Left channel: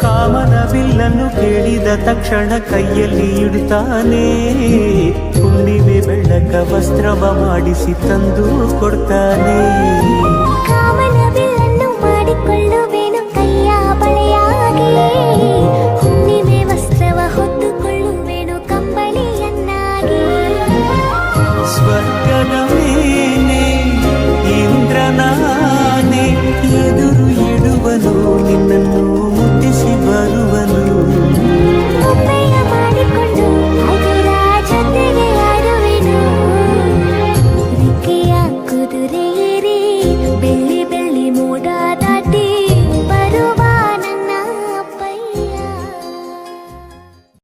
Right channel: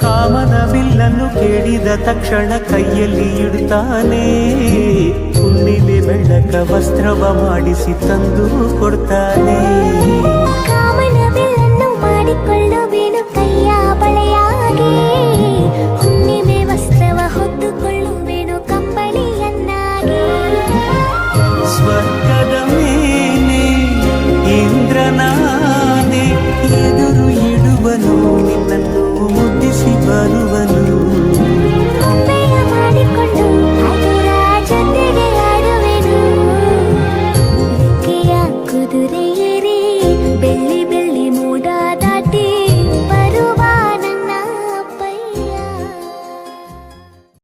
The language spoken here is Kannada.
ಕಾಮನ ಬಿಲ್ಲನ್ನು ಕೇಳಿದ ತಕ್ಷಣ ಕೈಯಲ್ಲಿ ಇಡುತ್ತಾನೆ. ಹುಣ್ಣಿಮೆ ಬೆಳಕ ವಸ್ತ್ರವ ಮಾಡಿಸಿ ತಂದು ಕೊಡ್ತಾನೆ. ಕಾಮನ ಬಿಲ್ಲನ್ನು ಮಾಡಿಕೊಳ್ಳುವೆನು ಕೈಯ ಬಳೆಯಾಗಿ, ಹುಣ್ಣಿಮೆ ವಸ್ತ್ರವ ಹೊತ್ತುಕೊಳ್ಳುವೆನು ಕಂಬಳಿಯನ್ನಾಗಿ. ಸ್ವರ್ಗದ ಮೇಲೆ ಇಂದ್ರನಾನೆ ಎದುರು ಇಡುವನು, ನಿನ್ನನ್ನು ಮುದ್ದಿಸಿ ಬರುವನು.